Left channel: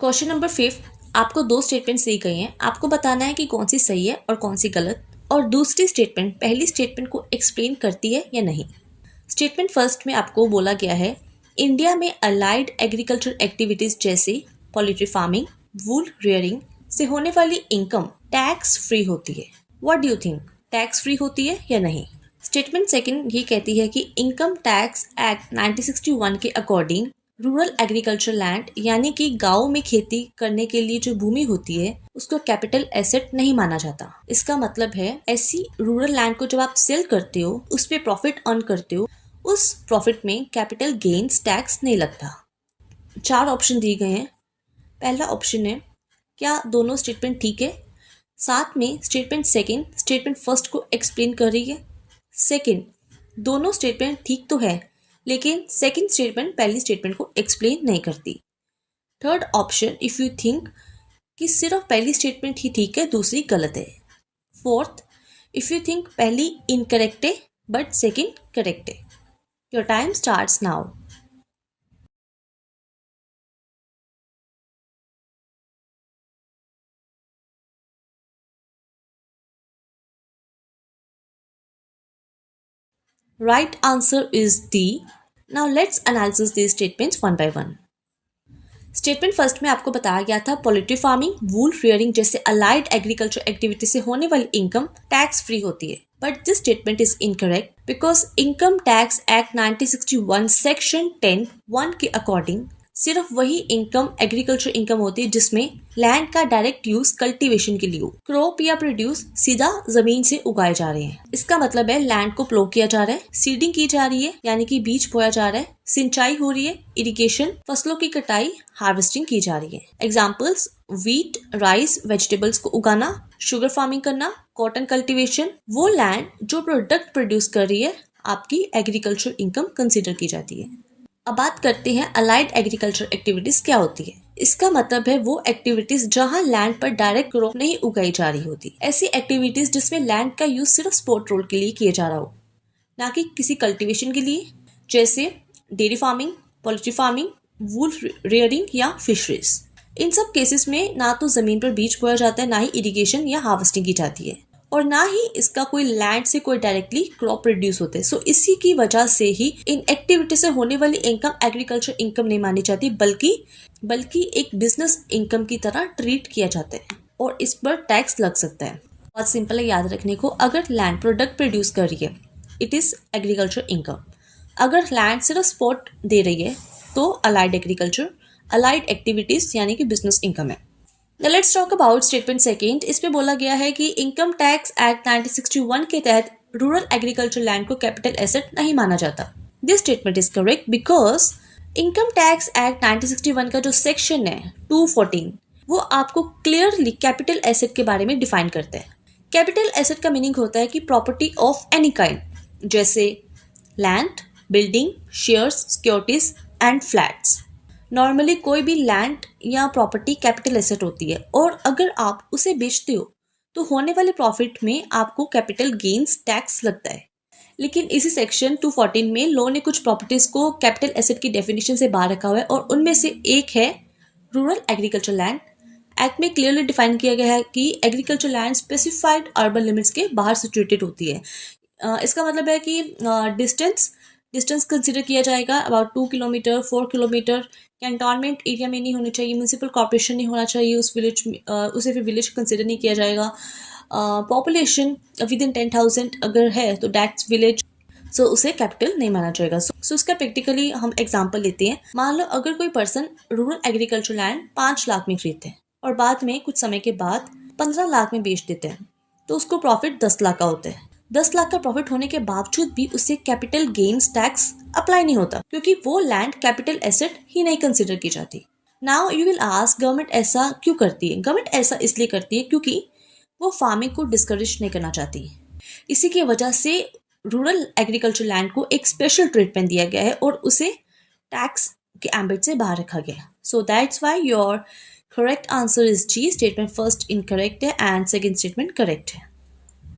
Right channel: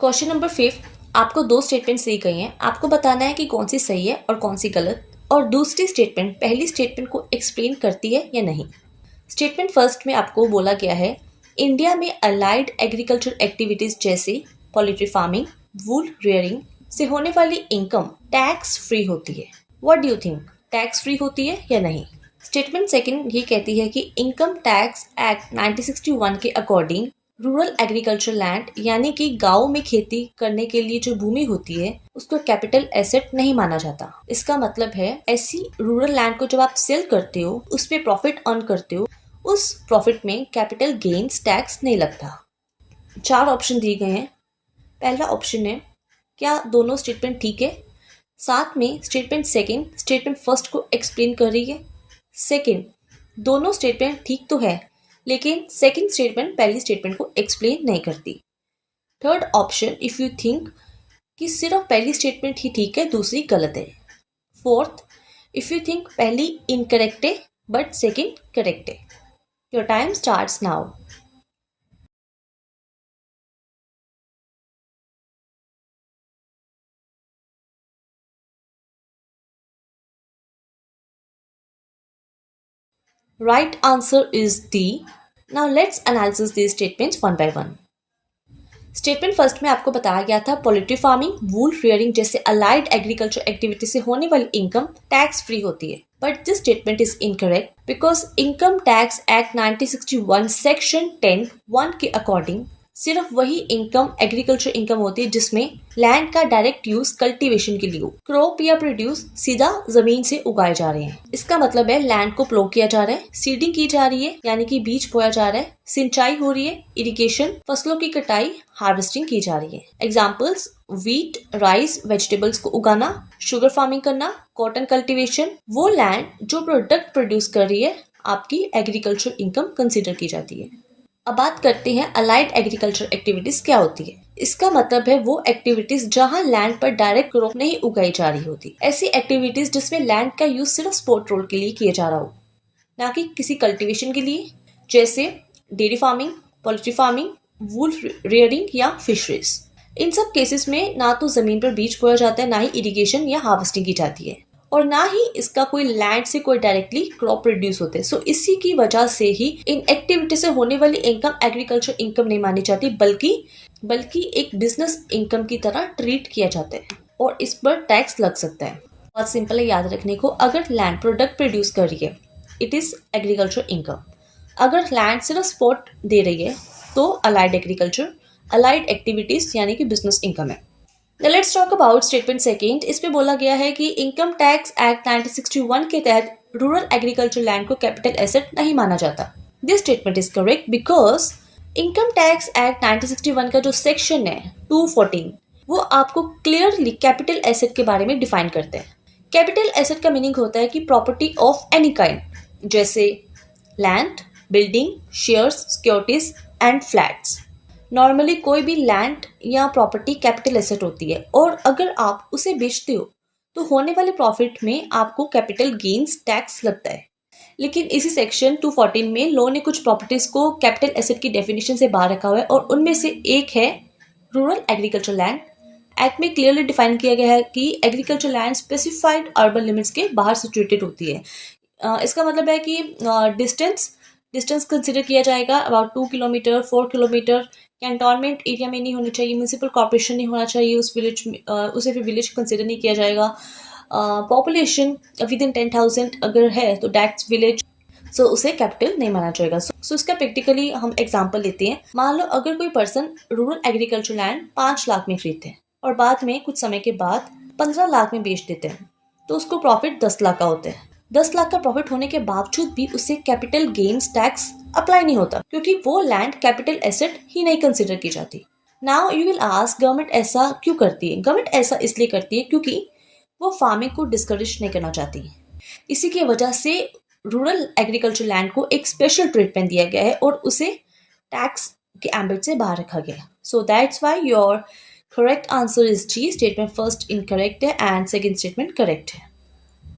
Question number 5, आपको दो statements दी गई हैं, आपको बताना है कि कौन सी सही है और कौन सी गलत, और दूसरी स्टेटमेंट पहली स्टेटमेंट को एक्सप्लेन करती है या नहीं। स्टेटमेंट फर्स्ट में आपको बोला गया है, इंडिया में अलाइड एग्रीकल्चर एक्टिविटीज जैसे पोल्ट्री फार्मिंग, वूल रेयरिंग से होने वाली इनकम टैक्स फ्री होती है। What do you think, tax free होती है या नहीं? स्टेटमेंट सेकंड ये कहती है कि इनकम टैक्स एक्ट 1961 के अकॉर्डिंग रूरल एग्रीकल्चर लैंड यानी कि गांव में खेती करने के लिए जो भूमि होती है उसको कैपिटल एसेट नहीं माना जाता। इसका मतलब है ऐसी रूरल लैंड को जब आप सेल करते हो, उस पे प्रॉफिट अर्न करते हो, उस प्रॉफिट में कैपिटल गेन्स टैक्स नहीं लगता। 4 ऑप्शन दिए गए हैं। पहला ऑप्शन है, क्या दोनों स्टेटमेंट ठीक है? साथ में स्टेटमेंट सेकंड स्टेटमेंट फर्स्ट को एक्सप्लेन कर रही है। सेकंड, दोनों स्टेटमेंट ठीक तो है लेकिन सेकंड स्टेटमेंट पहली स्टेटमेंट को एक्सप्लेन नहीं करती। Third option, if you think कि सिर्फ पहली स्टेटमेंट ही ठीक है, दूसरी गलत है। फोर्थ, इफ यू थिंक पहली इनकरेक्ट है बट सेकंड करेक्ट है। Your time starts now. Right answer is D. Now let's analyze these statements one by one. Statement first में आपको बताया गया था पोल्ट्री फार्मिंग, वूल रेयरिंग जैसे अलाइड एग्रीकल्चर एक्टिविटी से होने वाली इनकम टैक्स फ्री होती है, but this statement is incorrect because income tax act 1961 section 10(1) के अकॉर्डिंग सिर्फ वही इनकम एग्रीकल्चर इनकम होती है जिसमें लैंड का डायरेक्ट यूज कल्टीवेशन के लिए, क्रॉप या प्रोड्यूस सीधा जमीन से उगाए जा रहे हैं। इसका मतलब है लैंड को प्लो किया जा रहा है, सीडिंग की जा रही है यानी कि बीज बोया जा रहा है, सिंचाई हो रही है, इरिगेशन, फसलों की कटाई, हार्वेस्टिंग की जा रही है। एग्जाम्पल्स, व्हीट, राइस, वेजिटेबल्स को उगाना, शुगर फार्मिंग करना, कॉटन कल्टीवेशन। वो लैंड जो प्रोडक्ट प्रोड्यूस कर रही है आपकी एग्रीकल्चर इनकम कंसिडर की जाती है। अब बात करते हैं अलाइड एग्रीकल्चर एक्टिविटीज क्या होती है। इसका मतलब है वो एक्टिविटीज जहां लैंड पर डायरेक्ट क्रॉप नहीं उगाई जा रही होती, ऐसी एक्टिविटीज जिसमें लैंड का यूज सिर्फ स्पोर्ट रोल के लिए किया जा रहा हो, ना कि किसी कल्टीवेशन के लिए, जैसे डेयरी फार्मिंग, पोल्ट्री फार्मिंग, वूल रेयरिंग या फिशरीज। इन सब केसेस में ना तो जमीन पर बीज बोया जाता है, ना ही इरिगेशन या हार्वेस्टिंग की जाती है, और ना ही इसका कोई लैंड से कोई डायरेक्टली क्रॉप प्रोड्यूस होते हैं। सो इसी की वजह से ही इन एक्टिविटी से होने वाली इनकम एग्रीकल्चर इनकम नहीं मानी जाती, बल्कि एक बिजनेस इनकम की तरह ट्रीट किया जाता है और इस पर टैक्स लग सकता है। बहुत सिंपल है याद रखने को, अगर लैंड प्रोडक्ट प्रोड्यूस कर रही है इट इज एग्रीकल्चर इनकम, अगर लैंड सिर्फ सपोर्ट दे रही है तो अलाइड एग्रीकल्चर, अलाइड एक्टिविटीज यानी कि बिजनेस इनकम है। Let's talk about statement second. इस पे बोला गया है कि इनकम टैक्स एक्ट 1961 के तहत रूरल एग्रीकल्चर लैंड को कैपिटल एसेट नहीं माना जाता। This statement is correct because income tax act 1961 का जो सेक्शन है 214 वो आपको क्लियरली कैपिटल एसेट के बारे में डिफाइन करता है। कैपिटल एसेट का मीनिंग होता है कि प्रॉपर्टी ऑफ एनी काइंड, जैसे land, building, shares, securities and flats. Normally कोई भी लैंड या प्रॉपर्टी कैपिटल एसेट होती है और अगर आप उसे बेचते हो तो होने वाले प्रॉफिट में आपको कैपिटल गेन्स टैक्स लगता है। लेकिन इसी सेक्शन 214 में लॉ ने कुछ प्रॉपर्टीज को कैपिटल एसेट की डेफिनेशन से बाहर रखा हुआ है और उनमें से एक है रूरल एग्रीकल्चर लैंड। एक्ट में क्लियरली डिफाइन किया गया है कि agriculture land specified urban limits के बाहर सिचुएटेड होती है। इसका मतलब है कि डिस्टेंस कंसिडर किया जाएगा about 2 kilometre, 4 kilometre. Cantonment area में नहीं होनी चाहिए, म्यूनिसिपल कॉर्पोरेशन नहीं होना चाहिए उस विलेज में, उसे फिर विलेज कंसिडर नहीं किया जाएगा। पॉपुलेशन विद इन 10,000 अगर है तो दैट्स विलेज, सो उसे कैपिटल नहीं माना जाएगा। सो उसका प्रैक्टिकली हम एग्जांपल लेते हैं। मान लो अगर कोई person rural agriculture land 5 lakh में खरीदते हैं और बाद में कुछ समय के बाद 15 लाख में बेच देते हैं, तो उसको प्रॉफिट 10 लाख का होता है। 10 लाख का प्रॉफिट होने के बावजूद भी उसे कैपिटल गेन्स टैक्स अप्लाई नहीं होता क्योंकि वो लैंड कैपिटल एसेट ही नहीं कंसिडर की जाती। Now you will ask, government ऐसा क्यों करती है? गवर्नमेंट ऐसा इसलिए करती है क्योंकि वो फार्मिंग को डिस्करेज नहीं करना चाहती। इसी की वजह से रूरल एग्रीकल्चर लैंड को एक स्पेशल ट्रीटमेंट दिया गया है और उसे टैक्स के एम्बिट से बाहर रखा गया है। So that's why your correct answer is G. Statement first incorrect है एंड सेकंड स्टेटमेंट करेक्ट है।